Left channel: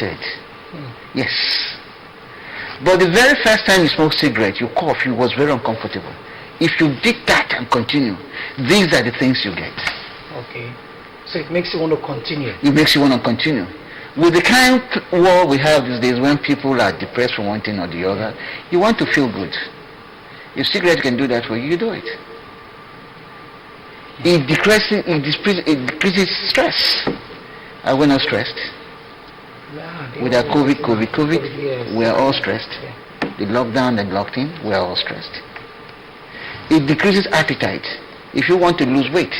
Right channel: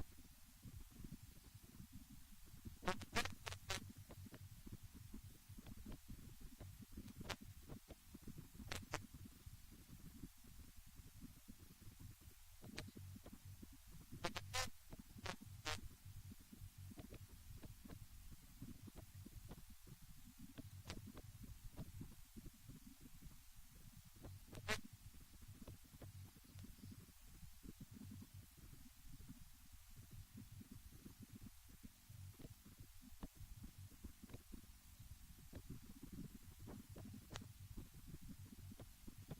tolerated. Yes. But the very first time you smoke cigarette, you cough, it was very uncomfortable. If you did that and continue, these are the things you get. Okay. So it makes you want to continue. It makes you want to continue. With the kind of war we have these days, when people are depressed from one thing or the other, you want to feel good. If cigarette can do that for you, you do it. It decreases stress. Are we not stressed? Yeah, With our COVID, yes. we are all stressed. Yeah. The lockdown and locked-in, we are all stressed. It decreases appetite. If you want to lose weight,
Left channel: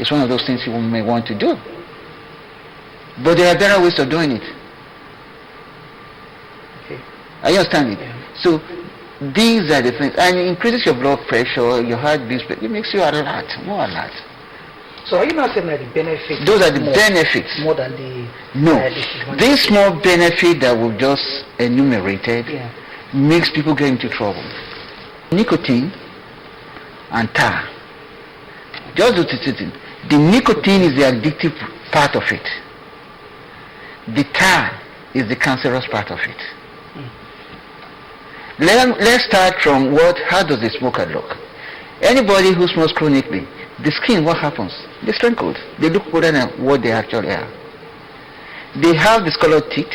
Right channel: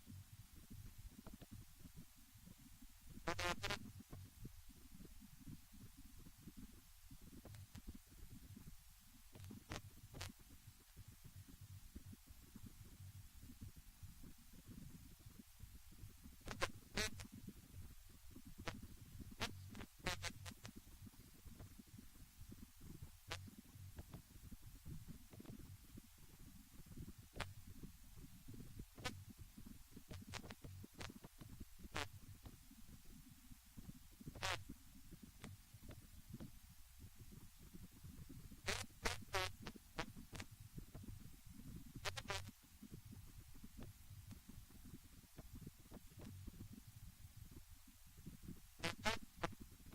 it's one of those things you may want to do. But there are better ways of doing it. Okay. Are you understand it? Yeah. So these are the things. And it increases your blood pressure, your heartbeat, it makes you alert, more alert. So are you not saying that the benefits? Those are the benefits. More than the... No. This small benefit that we've just enumerated makes people get into trouble. Nicotine and tar. Just do it. The nicotine is the addictive part of it. The tar is the cancerous part of it. Let's start from how does the smoker look? Anybody who smokes chronically, the skin, what happens? They're sprinkled. They look better than what they actually are. They have discolored teeth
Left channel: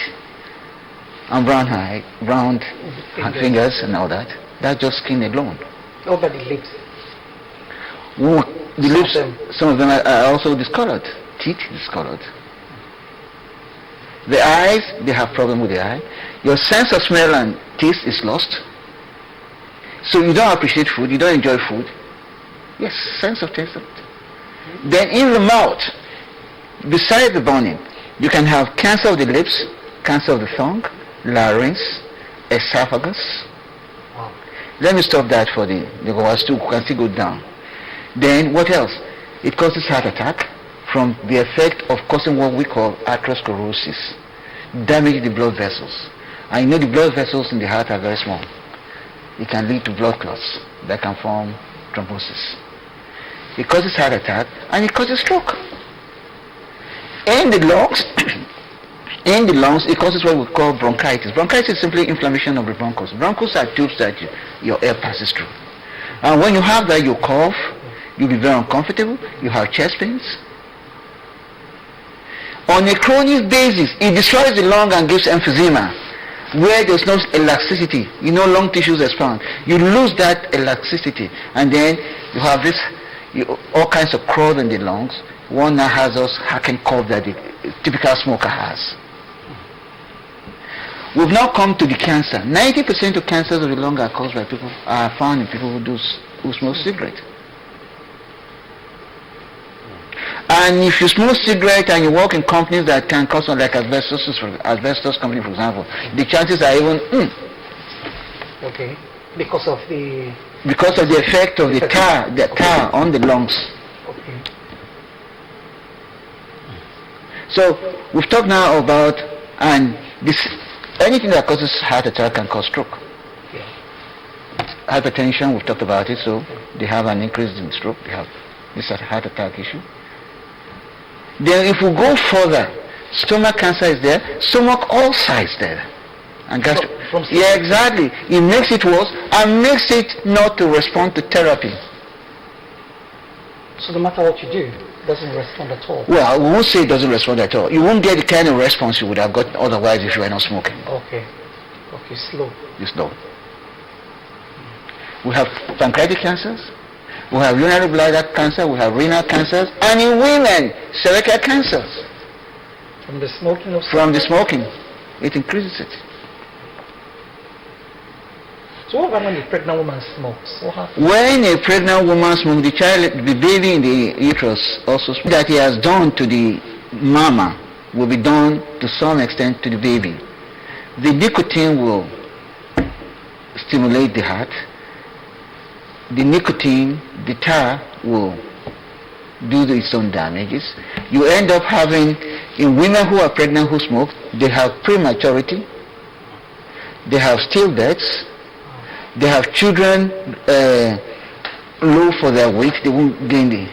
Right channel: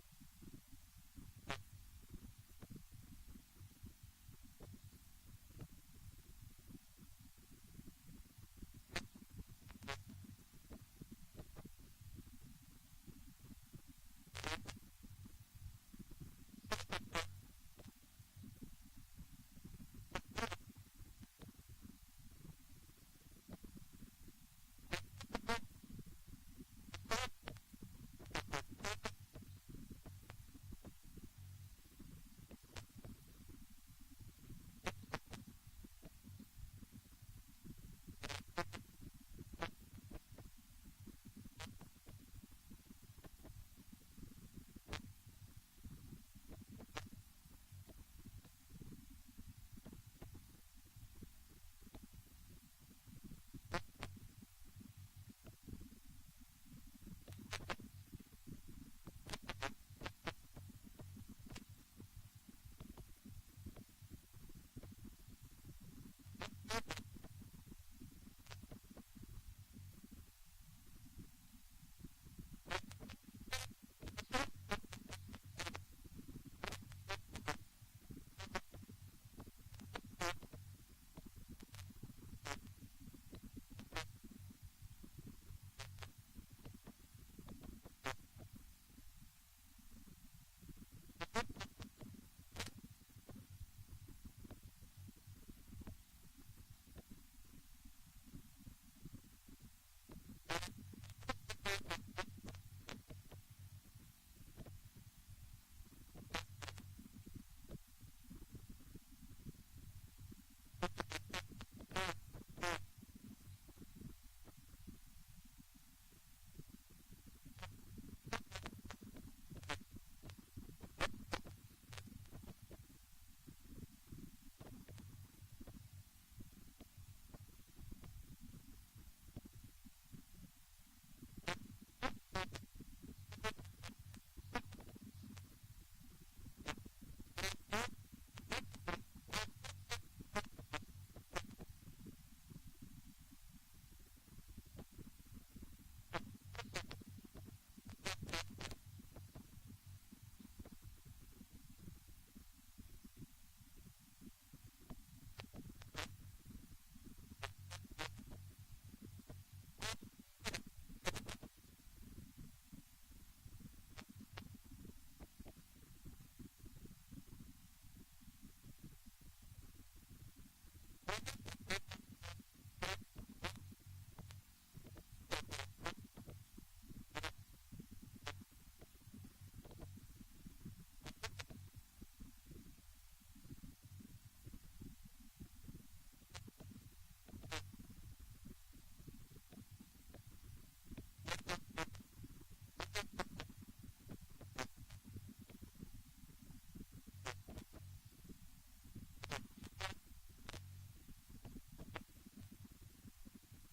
and round fingers and all that. That's just skin alone. Over the lips. The lips, some of them are also discolored. Teeth discolored. The eyes, they have problem with the eye. Your sense of smell and taste is lost. So you don't appreciate food, you don't enjoy food. Yes, sense of taste. Then in the mouth, besides the burning, you can have cancer of the lips, cancer of the tongue, larynx, esophagus. Wow. Let me stop that for the can still go down. Then what else? It causes heart attack from the effect of causing what we call atherosclerosis, damage the blood vessels. And you know the blood vessels in the heart are very small. It can lead to blood clots that can form thrombosis. It causes heart attack and it causes stroke. In the lungs, it causes what we call bronchitis. Bronchitis is simply inflammation of the bronchus. Bronchus are tubes that your air passes through. And when you have that, you cough, you'll be very uncomfortable, you have chest pains. On a chronic basis, it destroys the lung and gives emphysema, where there's no elasticity. Lung tissues expand. You lose that elasticity, and then you have all kinds of crowd in the lungs. One now has those hacking cough that the typical smoker has. We've now come to the cancer. 90% of cancers of the lung are found in people who smoke cigarette. And if you smoke cigarette and you work in companies that can cause, like asbestos company, for example, the chances are even Okay. Because of the effect of the tar on the lungs. Okay. So we've talked now about anything that causes heart attack can cause stroke. Yeah. Hypertension, we've talked about it, so they have an increase in stroke. They have this heart attack issue. Then if we go further, stomach cancer is there, stomach ulcer is there. And yeah, exactly. It makes it worse and makes it not to respond to therapy. So no matter what you do, it doesn't respond at all? Well, I won't say it doesn't respond at all. You won't get the kind of response you would have gotten otherwise if you were not smoking. Okay. Okay, slow. It's slow. We have pancreatic cancers. We have urinary bladder cancer, we have renal cancers, and in women, cervical cancers. From the smoking? From the smoking. It increases it. So what about when a pregnant woman smokes? What happens? When a pregnant woman smokes, the baby in the uterus also smokes. That he has done to the mama will be done to some extent to the baby. The nicotine will stimulate the heart. The nicotine, the tar will do its own damages. You end up having, in women who are pregnant who smoke, they have prematurity, they have stillbirths, they have children low for their weight, they won't gain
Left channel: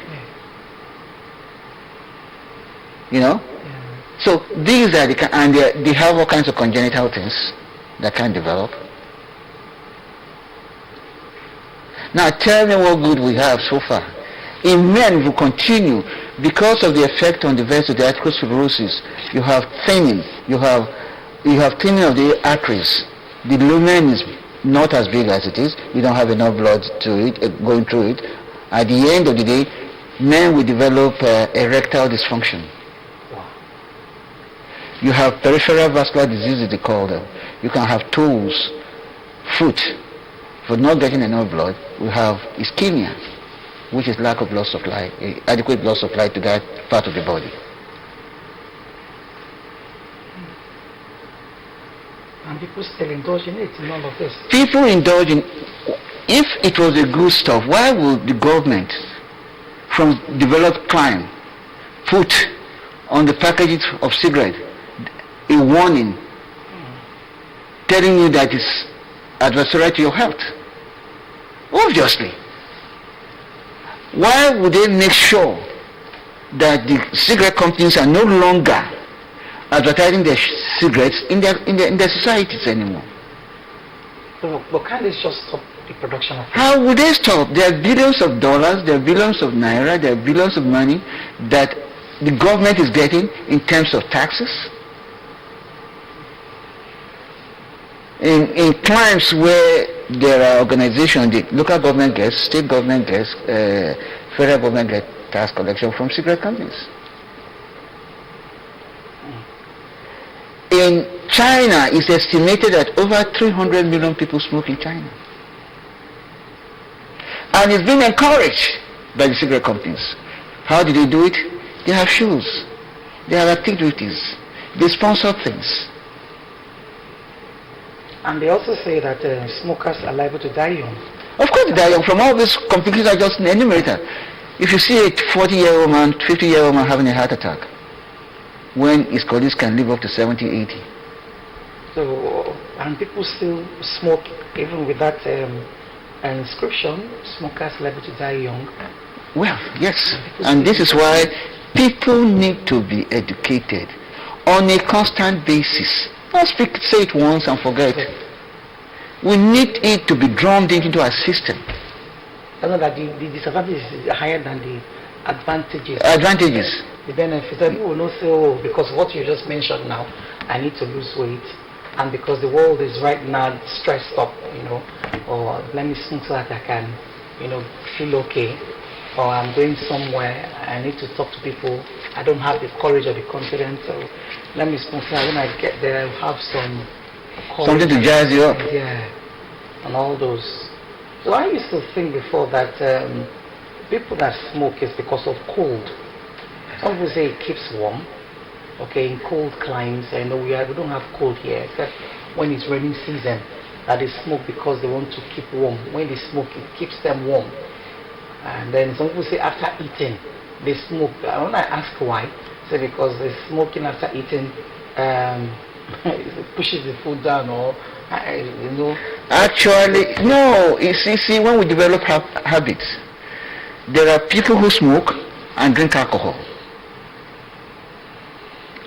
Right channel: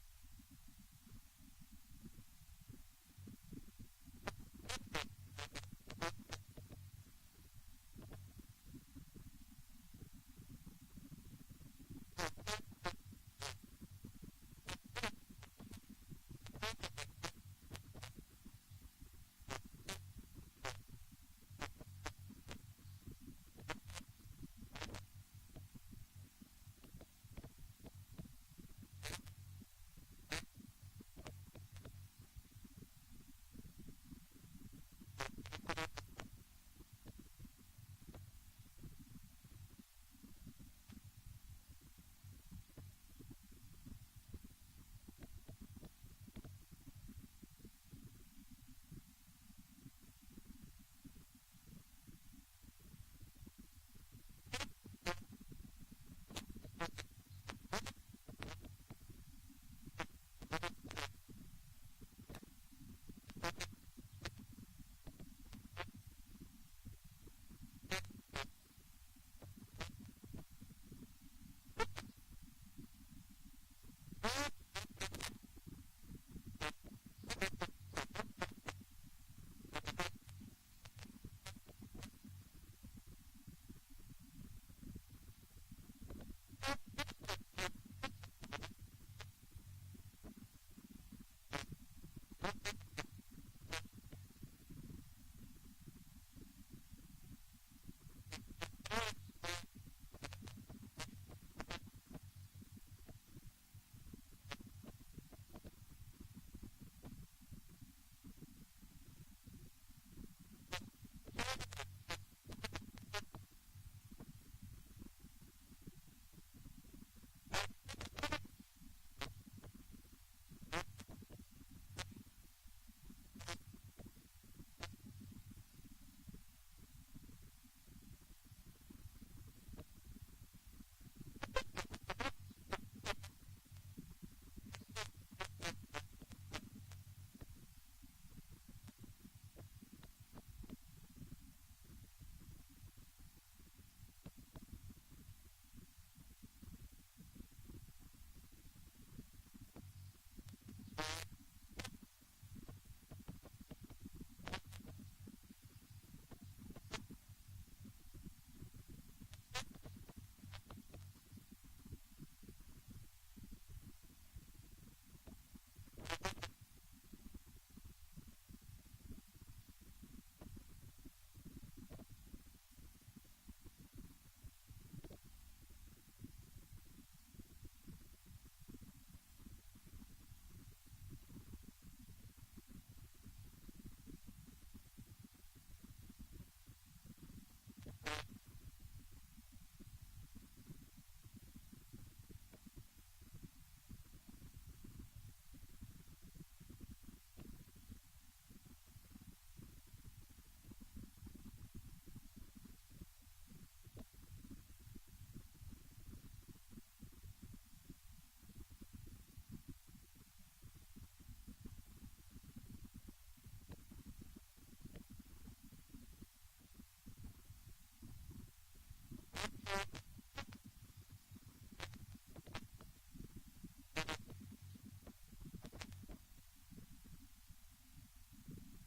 So these are and they have all kinds of congenital things that can develop. Now tell me what good we have so far. In men, we continue because of the effect on the vessel, the atherosclerosis. You have thinning. You have thinning of the arteries. The lumen is not as big as it is. You don't have enough blood to it going through it. At the end of the day, men will develop erectile dysfunction. You have peripheral vascular diseases, they call them. You can have toes, foot. For not getting enough blood, we have ischemia, which is lack of blood supply, adequate blood supply to that part of the body. And people still indulge in it, in all of this. People indulge in, if it was a good stuff, why would the government, from developed crime, put on the packages of cigarettes a warning telling you that it's adversarial to your health? Obviously. Why would they make sure that the cigarette companies are no longer advertising their cigarettes in their societies anymore? But can't they just stop the production of it? How would they stop? There are billions of dollars, there are billions of naira, there are billions of money that the government is getting in terms of taxes. In climes where there are organizations, the local government gets, state government gets, federal government gets tax collection from cigarette companies. In China, it's estimated that over 300 million people smoke in China. And it's been encouraged by the cigarette companies. How do they do it? They have shows. They have activities. They sponsor things. And they also say that smokers are liable to die young. Of course they die young from all these complications I just enumerated. If you see a 40-year-old man, 50-year-old man having a heart attack, when his colleagues can live up to 70, 80. So, and people still smoke even with that inscription, smokers liable to die young. Well, yes. And this is why people need to be educated on a constant basis. Not say it once and forget. We need it to be drummed into our system. I know that the disadvantages is higher than the advantages. Advantages. The benefits. People will not say, oh, because what you just mentioned now, I need to lose weight. And because the world is right now stressed up, or let me smoke so that I can, feel okay. Or I'm going somewhere, I need to talk to people. I don't have the courage or the confidence. So let me smoke so that when I get there, I'll have some courage. Something to jazz you up. Yeah, and all those. So I used to think before that people that smoke is because of cold. Some people say it keeps warm. Okay, in cold climes, I know we don't have cold here, except when it's raining season, that they smoke because they want to keep warm. When they smoke, it keeps them warm. And then some people say after eating, they smoke. When I ask why, say because they're smoking after eating it pushes the food down, or Actually, no. You see, when we develop habits, there are people who smoke and drink alcohol.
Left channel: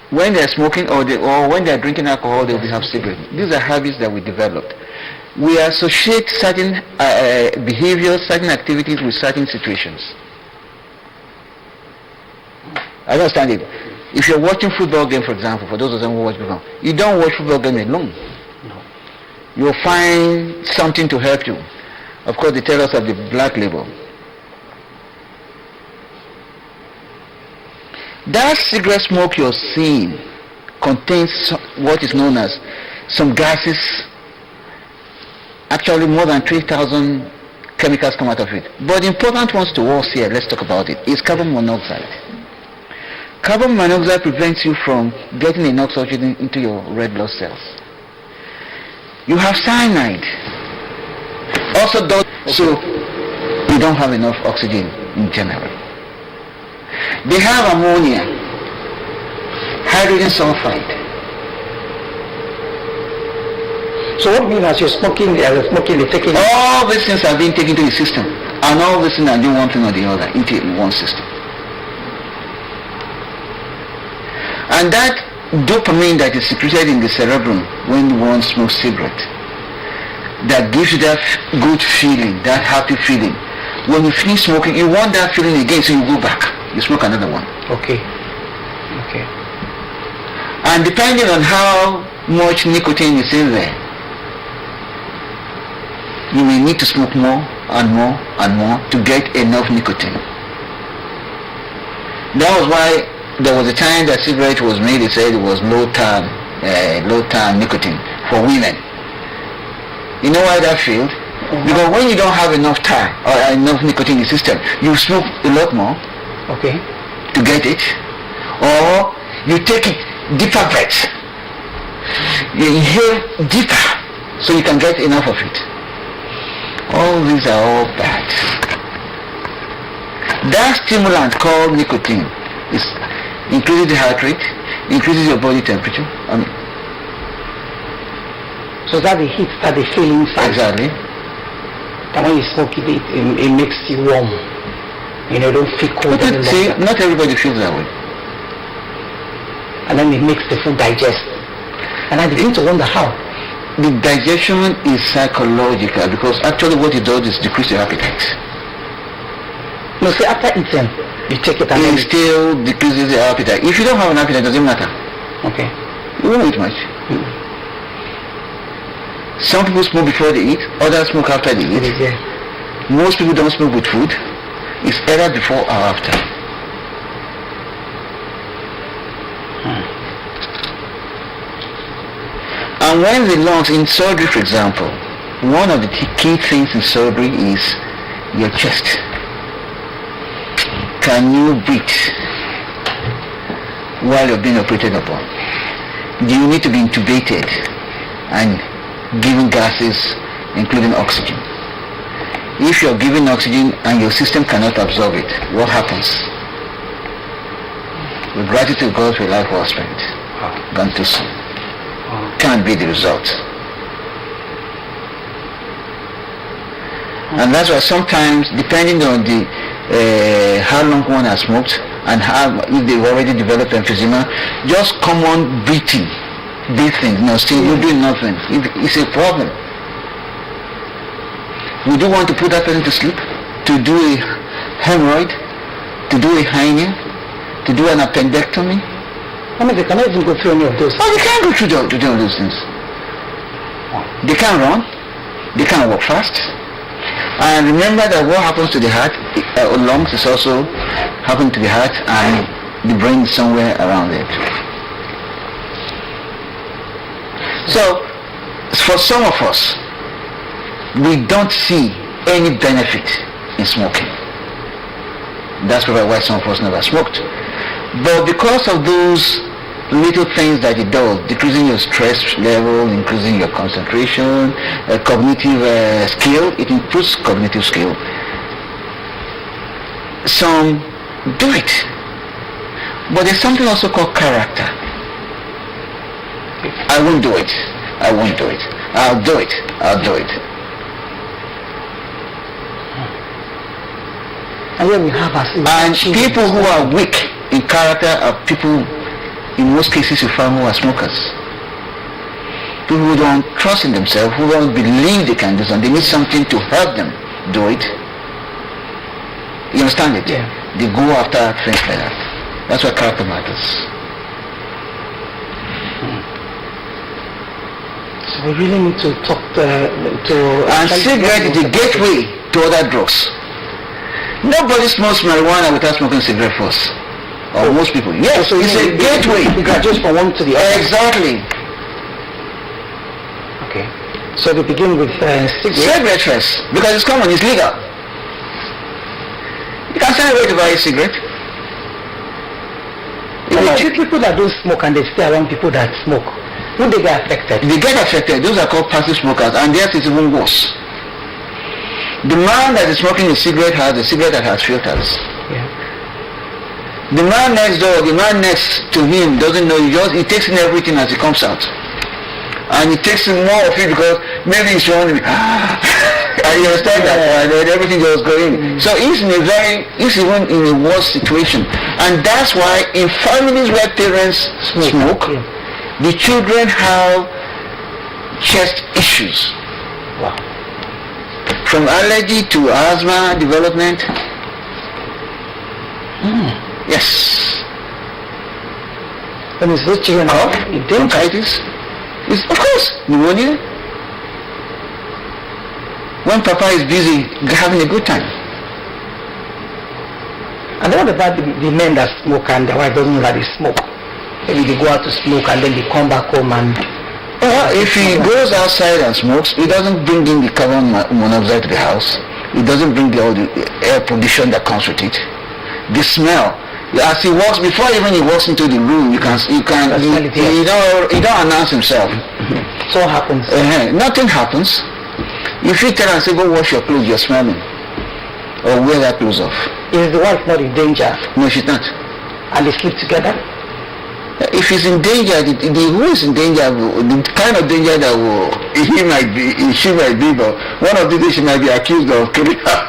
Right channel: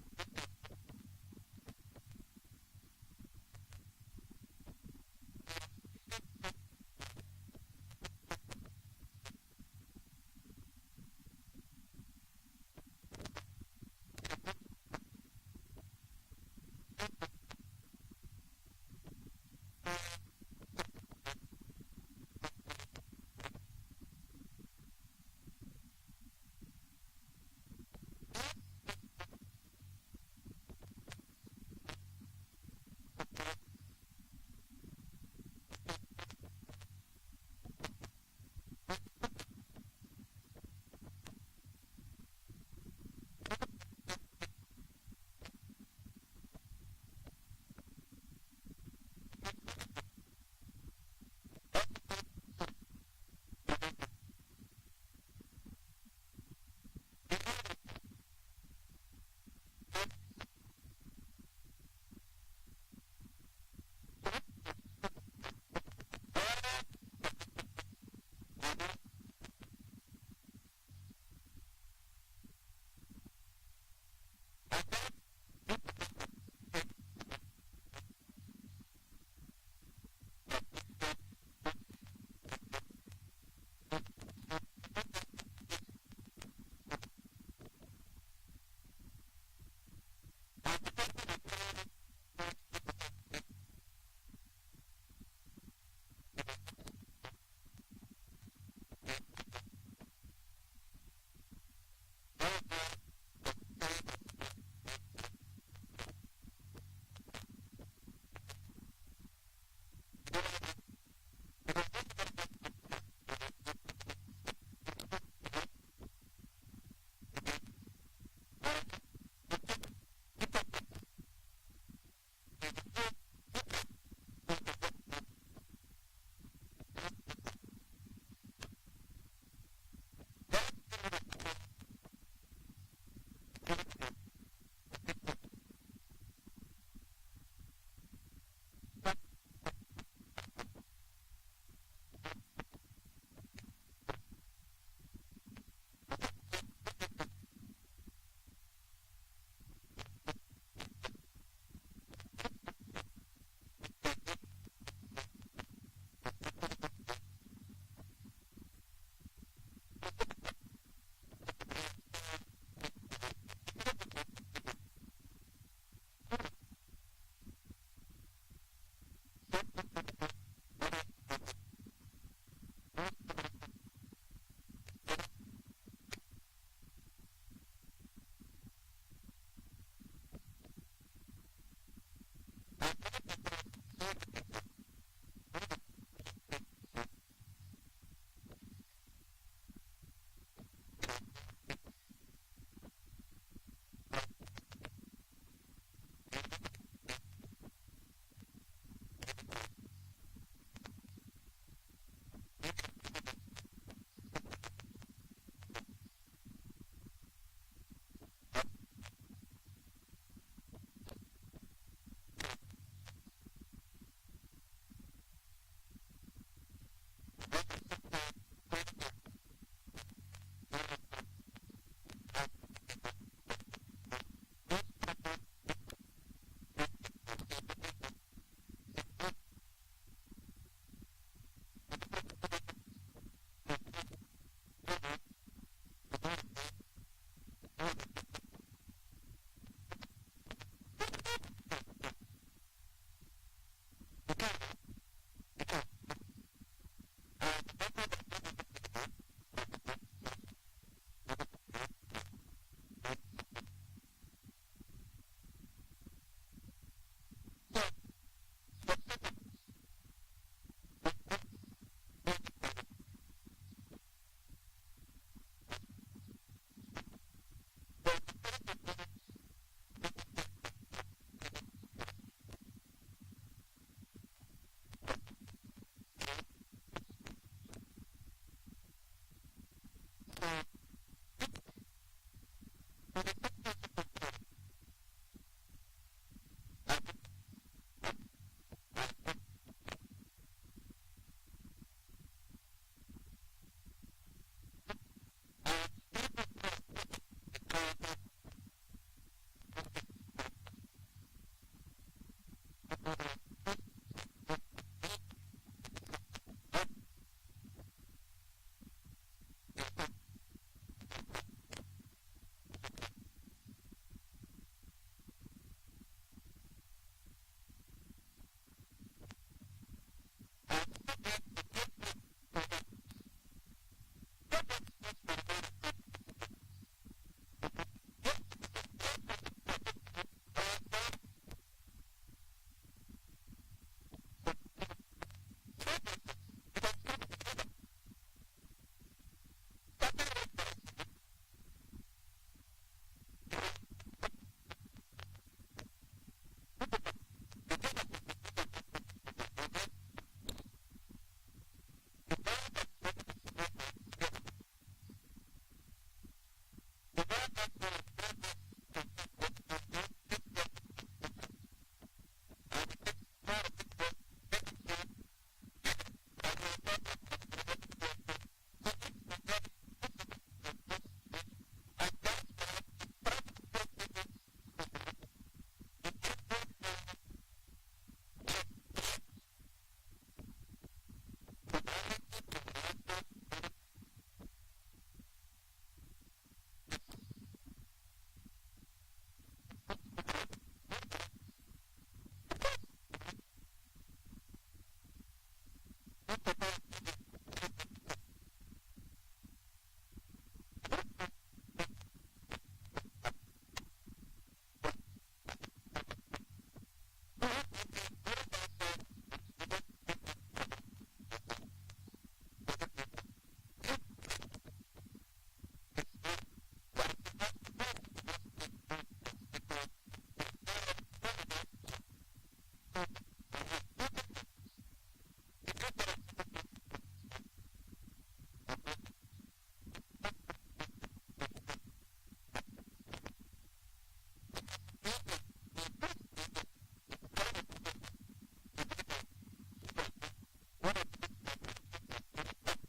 When they're smoking or when they're drinking alcohol, they will have cigarettes. These are habits that we developed. We associate certain behaviors, certain activities with certain situations. I understand it. If you're watching football game, for example, for those of them who watch football, you don't watch football game alone. No. You'll find something to help you. Of course, they tell us of the black label. That cigarette smoke you're seeing contains what is known as some gases. Actually, more than 3,000 chemicals come out of it. But the important ones to us here, let's talk about it, is carbon monoxide. Carbon monoxide prevents you from getting enough oxygen into your red blood cells. You have cyanide. Also, so you don't have enough oxygen in general. They have ammonia, hydrogen sulfide. So what means as you're smoking, they're taking... All these things are being taken into the system, and all these things are doing one thing or the other into one system. And that dopamine that is secreted in the cerebrum when one smokes cigarette, that gives you that good feeling, that happy feeling. When you finish smoking, you want that feeling again, so you go back. You smoke another one. Okay. And depending on how much nicotine is in there, you may need to smoke more and more and more to get enough nicotine. That was why there was a time that cigarette was made, it said it was low tar nicotine for women. You know why that failed? Because when you don't have enough tar or enough nicotine in the system, you smoke a lot more to get it, or you take it deeper breaths. You inhale deeper so you can get enough of it. All these are all bad. That stimulant called nicotine increases the heart rate, increases your body temperature. So that the heat that they feel inside. Exactly. And when you smoke it, it makes you warm. You know, don't feel cold any longer. See, not everybody feels that way. And then it makes the food digest. And I begin to wonder how. The digestion is psychological, because actually what it does is decrease your appetite. No, see, after eating, you take it and it still decreases your appetite. If you don't have an appetite, it doesn't matter. Okay. You won't eat much. Some people smoke before they eat, others smoke after they eat. Yeah. Most people don't smoke with food. It's either before or after. And when the lungs, in surgery for example, one of the key things in surgery is your chest. Can you breathe while you're being operated upon? Do you need to be intubated and given gases, including oxygen? If you're given oxygen and your system cannot absorb it, what happens? With gratitude, God, for a life well spent. Gone too soon. Can't be the result. And that's why sometimes, depending on the how long one has smoked and if they've already developed emphysema, just common breathing, still you're doing nothing. It's a problem. We do want to put that person to sleep, to do a hemorrhoid, to do a hernia, to do an appendectomy. I mean, they cannot even go through any of those. Oh, they can't go through all those things. They can't run. They can't walk fast. And remember that what happens to the heart, lungs, is also happening to the heart, and the brain is somewhere around it. So, for some of us, we don't see any benefit in smoking. That's probably why some of us never smoked. But because of those little things that it does, decreasing your stress level, increasing your concentration, cognitive skill, it improves cognitive skill. Some do it. But there's something also called character. I won't do it. I won't do it. I'll do it. I'll do it. And then we have and people who are weak in character are people, in most cases, you find, who are smokers. People who don't trust in themselves, who don't believe they can do something. They need something to help them do it. You understand it? Yeah. They go after things like that. That's why character matters. So we really need to talk to... And cigarette is the gateway to other drugs. Nobody smokes marijuana without smoking cigarette first. Or most people. Yes, so it's a gateway. You got just from one to the other. Exactly. Okay. So they begin with cigarette. Cigarette first, because it's common, it's legal. You can send away to buy a cigarette. People that don't smoke and they stay around people that smoke, would they get affected? They get affected. Those are called passive smokers, and theirs is even worse. The man that is smoking a cigarette has a cigarette that has filters. Yeah. The man next door, the man next to him doesn't know. He takes in everything as it comes out, and he takes in more of it because maybe he's trying to be. You understand that? And then everything just go in. So he's even in a worse situation. And that's why in families where parents smoke, the children have chest issues. Wow. From allergy to asthma development. Yes. And it's those children bronchitis. It's, of course, pneumonia. When Papa is busy having a good time. And what about the men that smoke and their wife doesn't know that they smoke? Maybe they go out to smoke and then they come back home and... if he goes outside and smokes, he doesn't bring in the carbon monoxide to the house. He doesn't bring all the air pollution that comes with it. The smell. As he walks, before even he walks into the room, he don't announce himself. So what happens? Nothing happens. If you tell and say, go wash your clothes, you're smelling. Or wear that clothes off. Is the wife not in danger? No, she's not. And they sleep together? If he's in danger, who is in danger, the kind of danger that she might be, but one of the days she might be accused of killing her.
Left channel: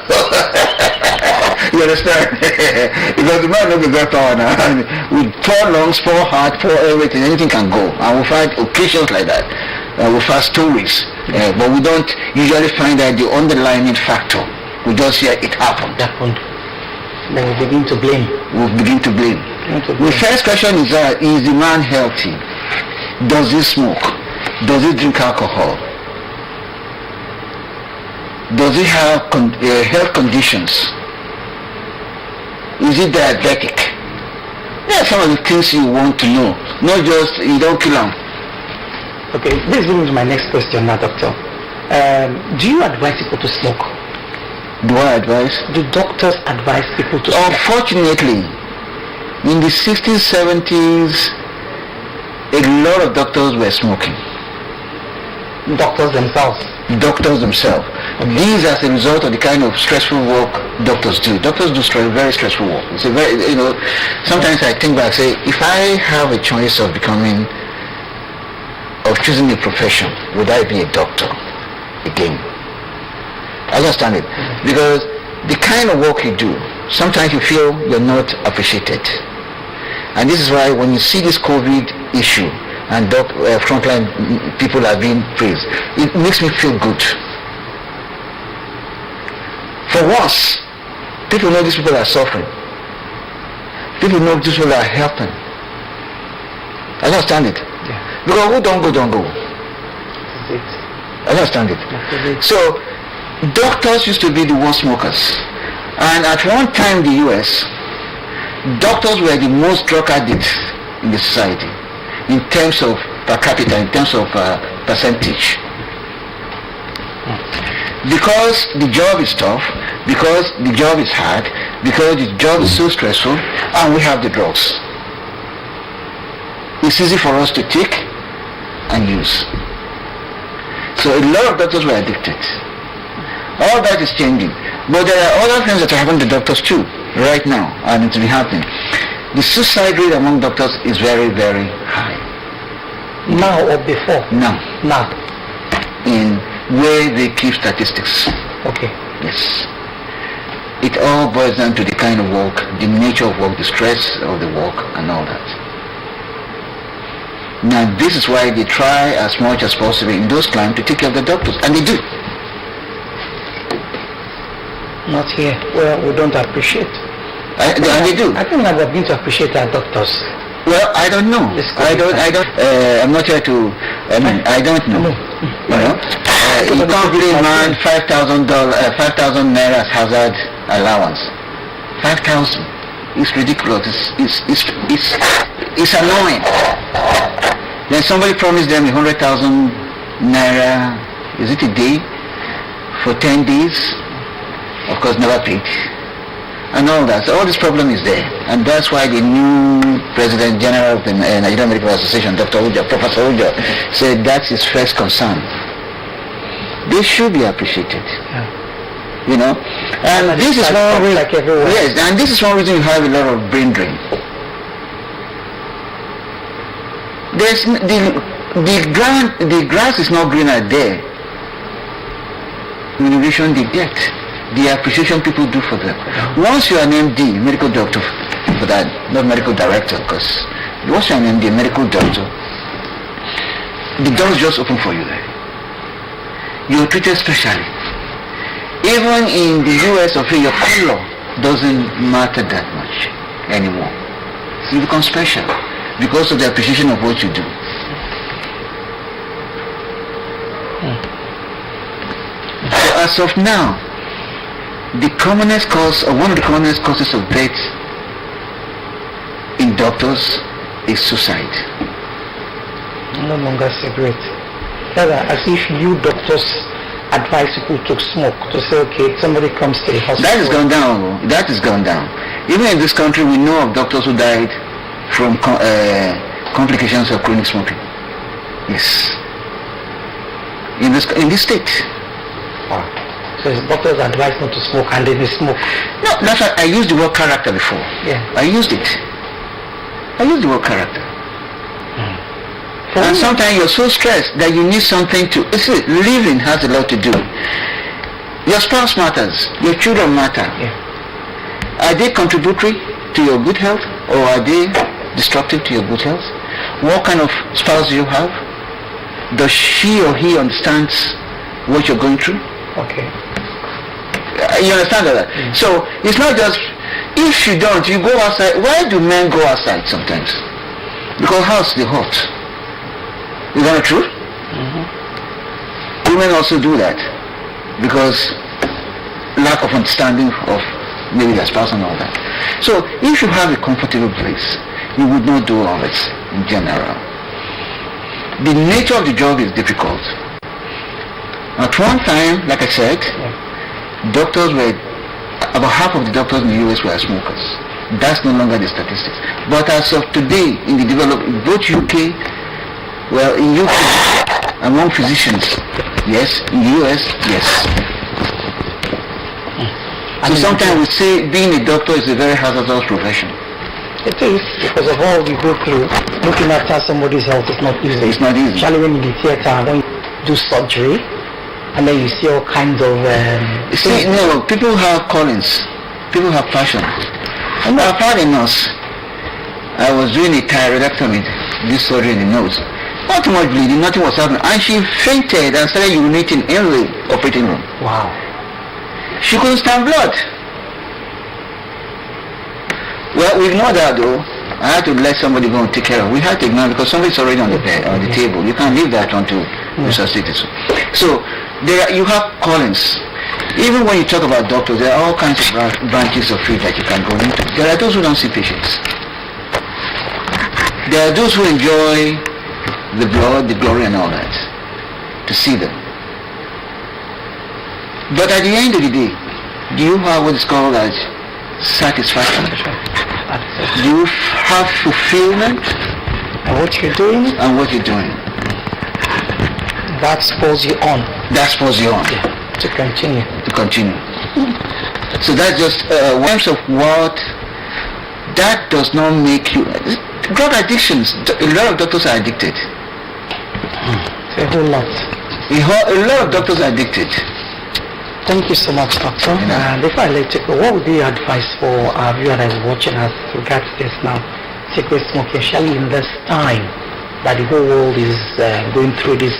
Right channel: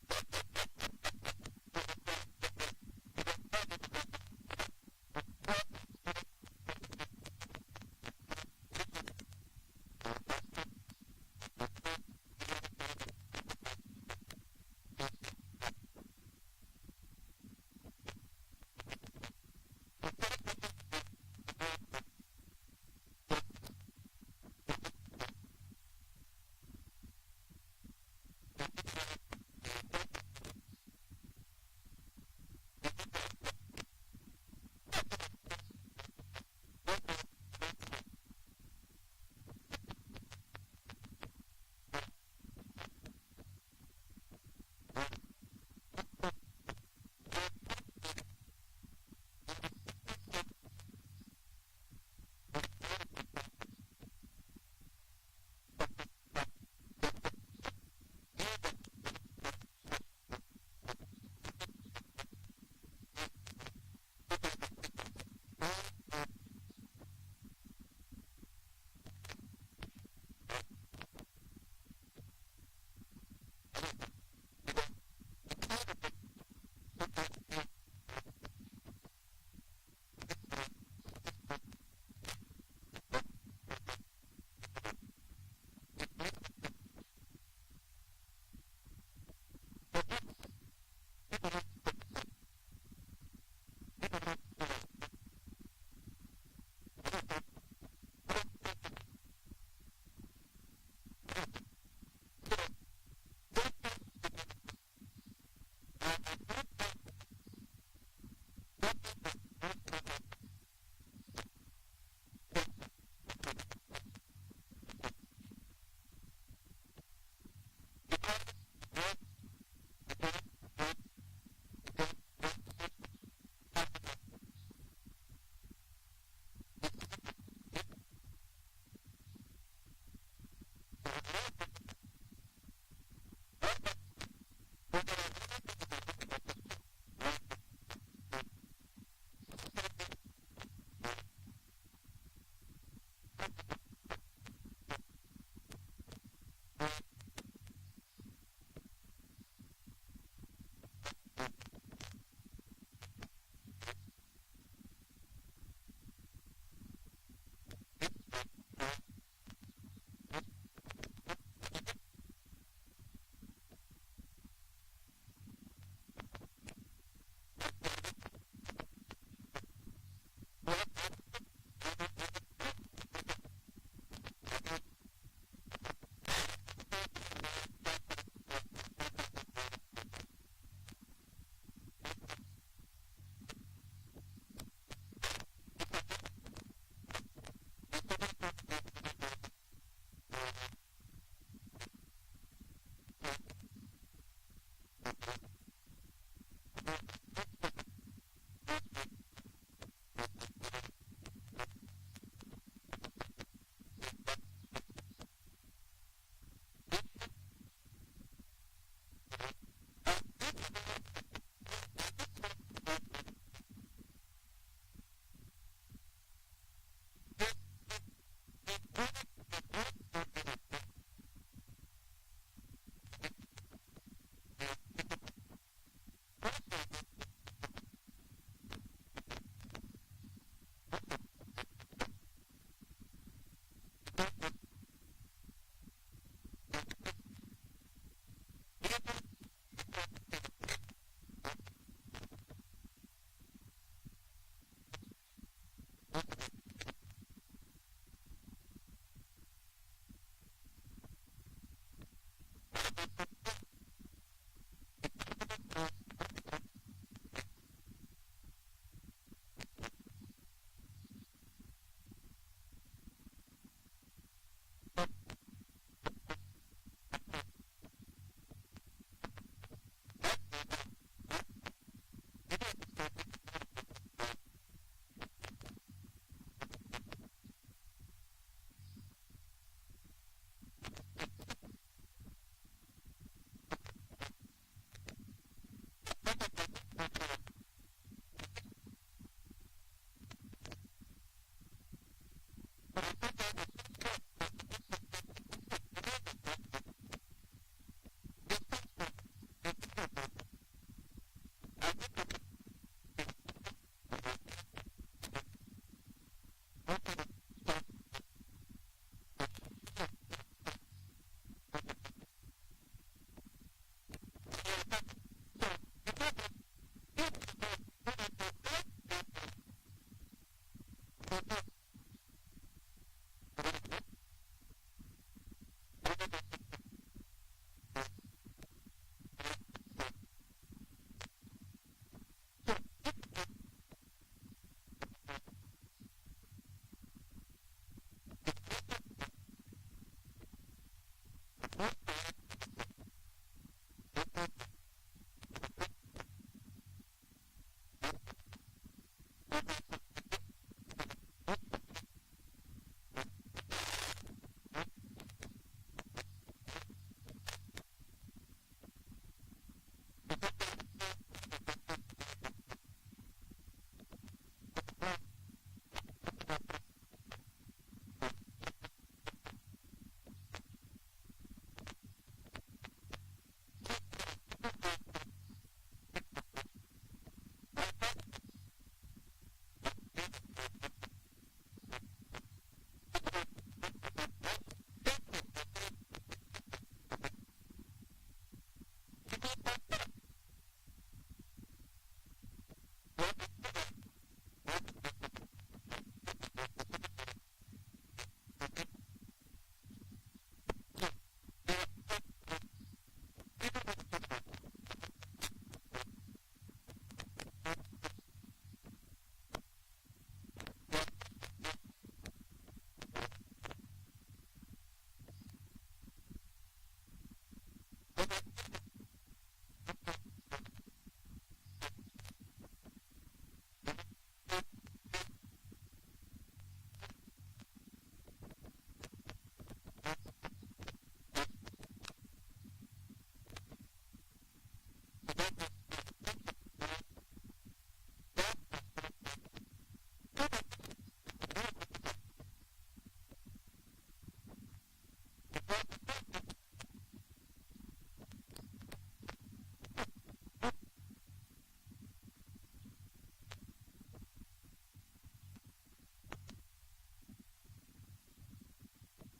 You understand? Because the man knows that power now. With 4 lungs, 4 heart, 4 everything, anything can go. And we find occasions like that. We find stories. But we don't usually find out the underlying factor. We just hear it happened. Then we begin to blame. The first question is the man healthy? Does he smoke? Does he drink alcohol? Does he have health conditions? Is he diabetic? There are some of the things you want to know. Not just you don't kill him. Okay, this brings me to my next question now, doctor. Do you advise people to smoke? Do I advise? Do doctors advise people to smoke? Unfortunately, in the 60s, 70s, a lot of doctors were smoking. Doctors themselves? Doctors themselves. Okay. These as a result of the kind of stressful work doctors do. Doctors do very stressful work. It's a very, sometimes I think back, say, if I have a choice of choosing a profession, would I be a doctor again? I understand it. Because the kind of work you do, sometimes you feel you're not appreciated. And this is why when you see this COVID issue and frontline people are being praised, it makes me feel good. For once, people know these people are suffering. People know these people are helping. I understand it. Yeah. Because who don't go. I understand it. So, doctors used to be the worst smokers. And at one time in the US, doctors were the most drug addicts in the society in terms of per capita, in terms of percentage. Because the job is tough, because the job is hard, because the job is so stressful, and we have the drugs. It's easy for us to take and use. So a lot of doctors were addicted. All that is changing. But there are other things that are happening to doctors too, right now, and it will be happening. The suicide rate among doctors is very, very high. Now or before? Now. In where they keep statistics. Okay. Yes. It all boils down to the kind of work, the nature of work, the stress of the work, and all that. Now, this is why they try as much as possible in those climes to take care of the doctors, and they do. Not here. Well, we don't appreciate. And they do. I think we are beginning to appreciate our doctors. Well, I don't know. I'm not here to. I don't know. You can't give a man $5,000 naira as hazard allowance. 5,000. It's ridiculous. It's annoying. Then somebody promised them 100,000 naira. Is it a day for 10 days? Of course, never paid. And all that. So all this problem is there. And that's why the new President General of the Nigerian Medical Association, Professor Uja, said that's his first concern. They should be appreciated. Yeah. And this is one reason, like everywhere. Yes, and this is one reason you have a lot of brain drain. There's the grass is not greener there. remuneration they get, the appreciation people do for them. Once you're an MD, medical doctor, for that, not medical director, because once you're an MD, medical doctor, the doors just open for you there. You're treated specially. Even in the US of your color doesn't matter that much anymore. So you become special because of the appreciation of what you do. So as of now, the commonest cause, or one of the commonest causes of death in doctors is suicide. No longer cigarette. Rather, as if you doctors advise people to smoke, to say, okay, somebody comes to the hospital. That has gone down. That has gone down. Even in this country, we know of doctors who died from complications of chronic smoking. Yes. In this state. Wow. So doctors advise not to smoke and then they smoke. No, that's why I used the word character before. Yeah. I used it. I used the word character. And sometimes you're so stressed that you need something to... You see, living has a lot to do. Your spouse matters. Your children matter. Yeah. Are they contributory to your good health, or are they destructive to your good health? What kind of spouse do you have? Does she or he understands what you're going through? Okay. You understand that? So it's not just... If you don't, you go outside. Why do men go outside sometimes? Because house is hot. Is that true? Women also do that because lack of understanding of maybe their spouse and all that. So if you have a comfortable place, you would not do all this in general. The nature of the job is difficult. At one time, like I said, doctors were, about half of the doctors in the US were smokers. That's no longer the statistics. But as of today, in the development, both UK, well, in UK, among physicians, yes. In the US, yes. So sometimes we say being a doctor is a very hazardous profession. It is, because of all we go through. Looking after somebody's health is not easy. It's not easy. Especially when in the theater, when you do surgery, and then you see all kinds of... You see, no, people have callings. People have passion. And I've had a nurse. I was doing a thyroidectomy, this surgery in the nose. Not too much bleeding, nothing was happening. And she fainted and started urinating in the operating room. Wow. She couldn't stand blood. Well, we ignored that though. I had to let somebody go and take care of it. We had to ignore it because somebody's already on the bed, on the table. You can't leave that until resuscitate it. So you have callings. Even when you talk about doctors, there are all kinds of branches of field that you can go into. There are those who don't see patients. There are those who enjoy the blood, the glory and all that, to see them. But at the end of the day, do you have what is called as satisfaction? Do you have fulfillment? And what you're doing? And what you're doing. That spurs you on. That spurs you on. Yeah. To continue. To continue. So that's just in terms of what, that does not make you... Drug addictions, a lot of doctors are addicted. A whole lot. A lot of doctors are addicted. Thank you so much, Doctor. Before I let you go, what would be your advice for our viewer that is watching us regards this now? Cigarette smoking, especially in this time that the whole world is going through this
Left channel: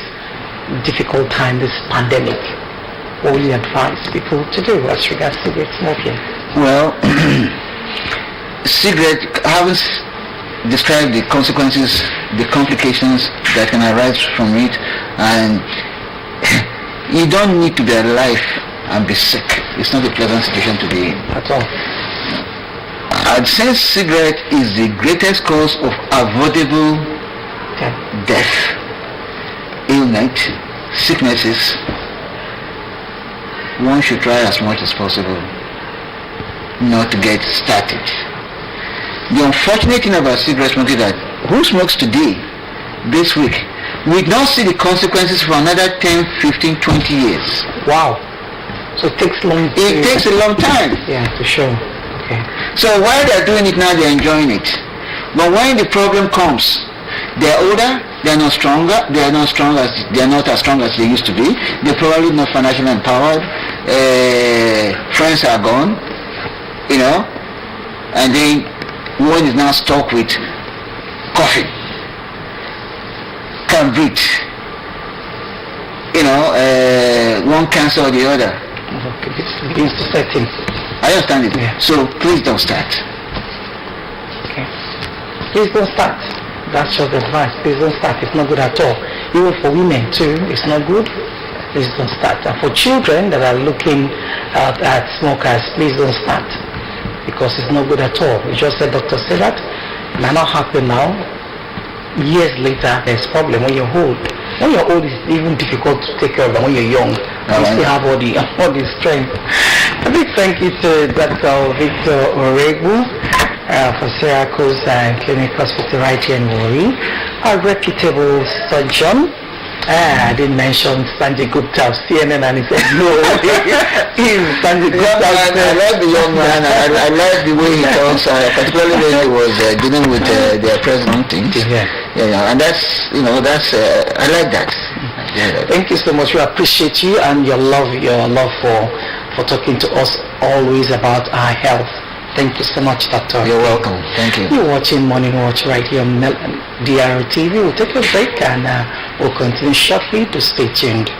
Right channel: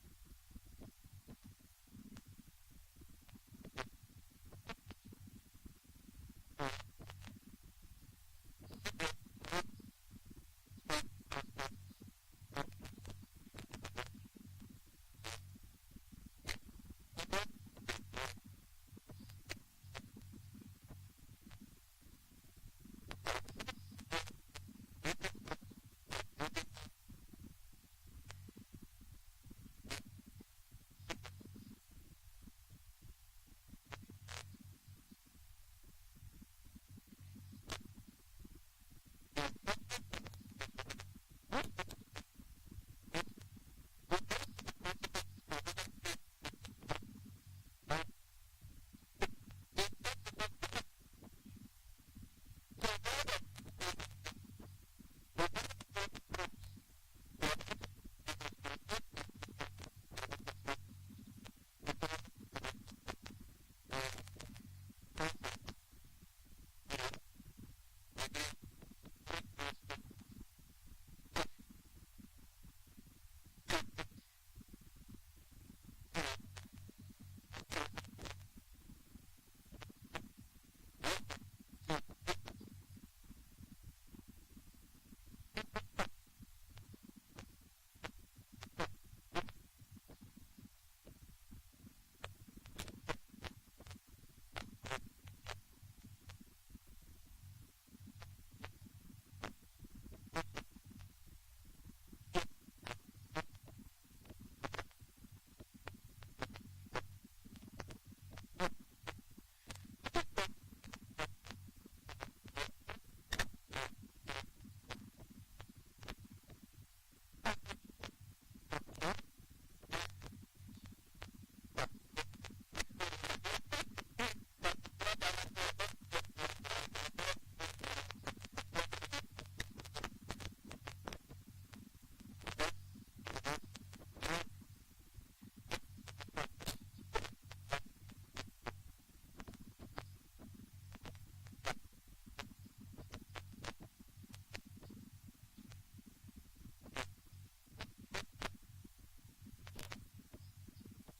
difficult time, this pandemic. What will you advise people to do as regards cigarette smoking? Well, cigarette, I haven't described the consequences, the complications that can arise from it, and you don't need to be alive and be sick. It's not a pleasant situation to be in. At all. I'd say cigarette is the greatest cause of avoidable death, illness, sicknesses. One should try as much as possible not to get started. The unfortunate thing about cigarette smoking is that who smokes today, this week, we don't see the consequences for another 10, 15, 20 years. Wow. So it takes long. It takes a long time. Yeah, for sure. Okay. So while they're doing it now, they're enjoying it. But when the problem comes, They're older, they're not stronger, they're not as strong as they used to be. They're probably not financially empowered. Friends are gone, and then one is now stuck with coughing, can't breathe. One cancer or the other. Okay, this begins to set in. I understand it. Yeah. So please don't start. Okay. Please don't start. That's your advice. Please don't start. It's not good at all. Even for women too, it's not good. Please don't start. And for children that are looking at smokers, please don't start. Because it's not good at all. You just said, doctor said that. It might not happen now. Years later, there's problem when you're old. When you're old, it's even difficult to take care of them. When you're young, you still have all the strength. A big thank you to Dr. Victor Oregu for Syracuse Clinic Hospital right here in Warri. A reputable surgeon. I didn't mention Sanjay Gupta of CNN, and he said no. Sanjay Gupta. I like the young man. I like the way he talks, particularly when he was dealing with their president things. Yeah, and that's I like that. Yeah. Thank you so much. We appreciate you and your love for talking to us always about our health. Thank you so much, Doctor. You're welcome. Thank you. You're watching Morning Watch right here on drtv. We'll take a break and we'll continue shortly. To stay tuned.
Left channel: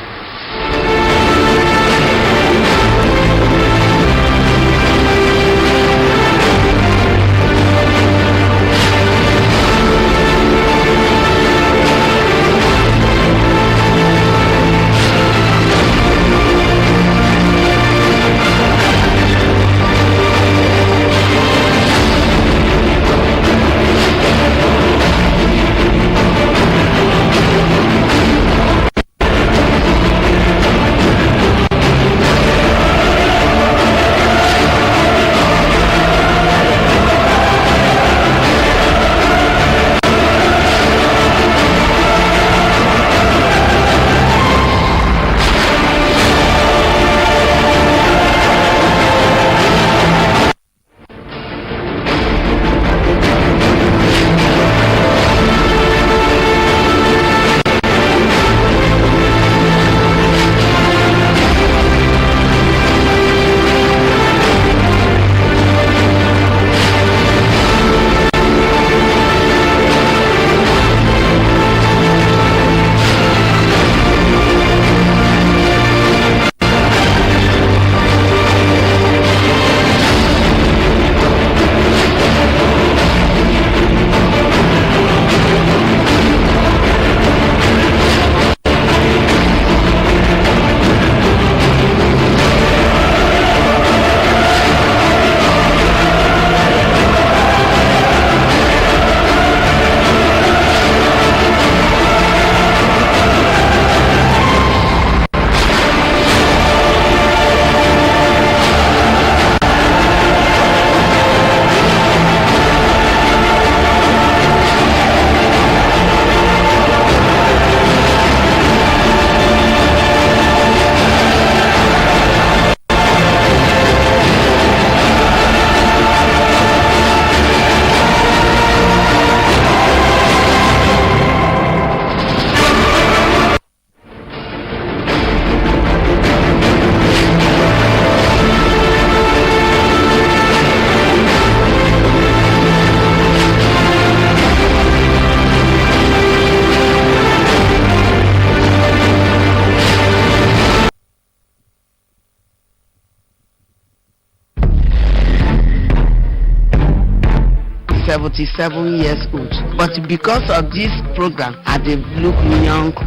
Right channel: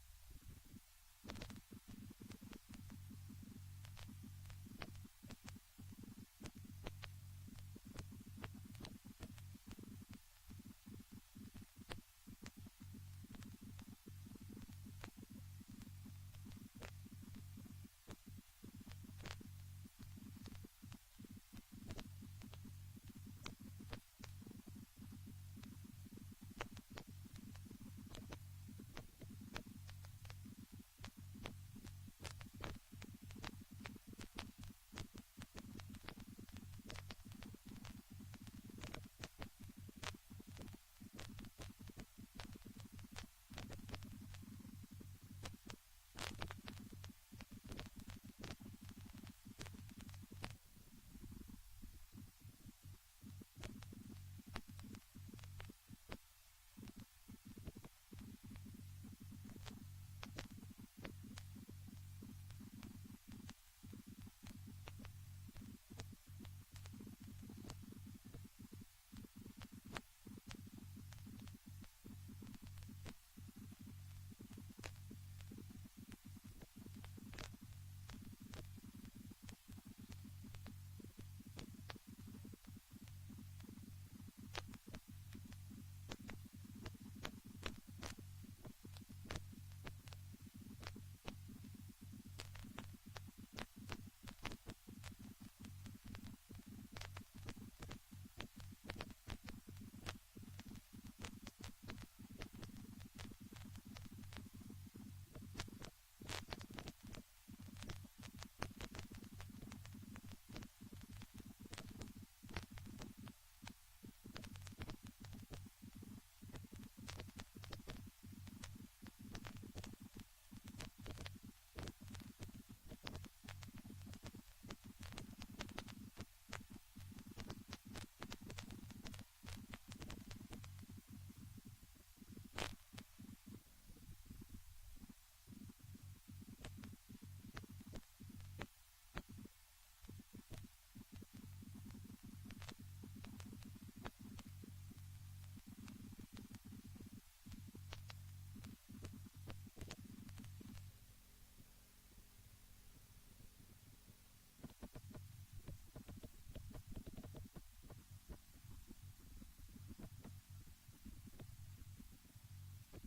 Seven years old, but because of this program I dey look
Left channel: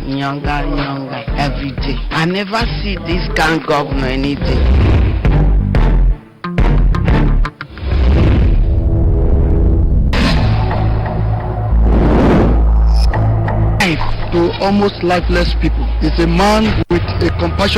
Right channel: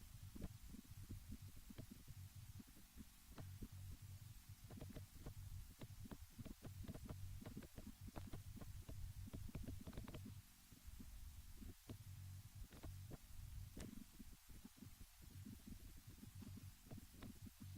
younger every day. I never see this kind governor anything. To almost lifeless people is a man with a compassion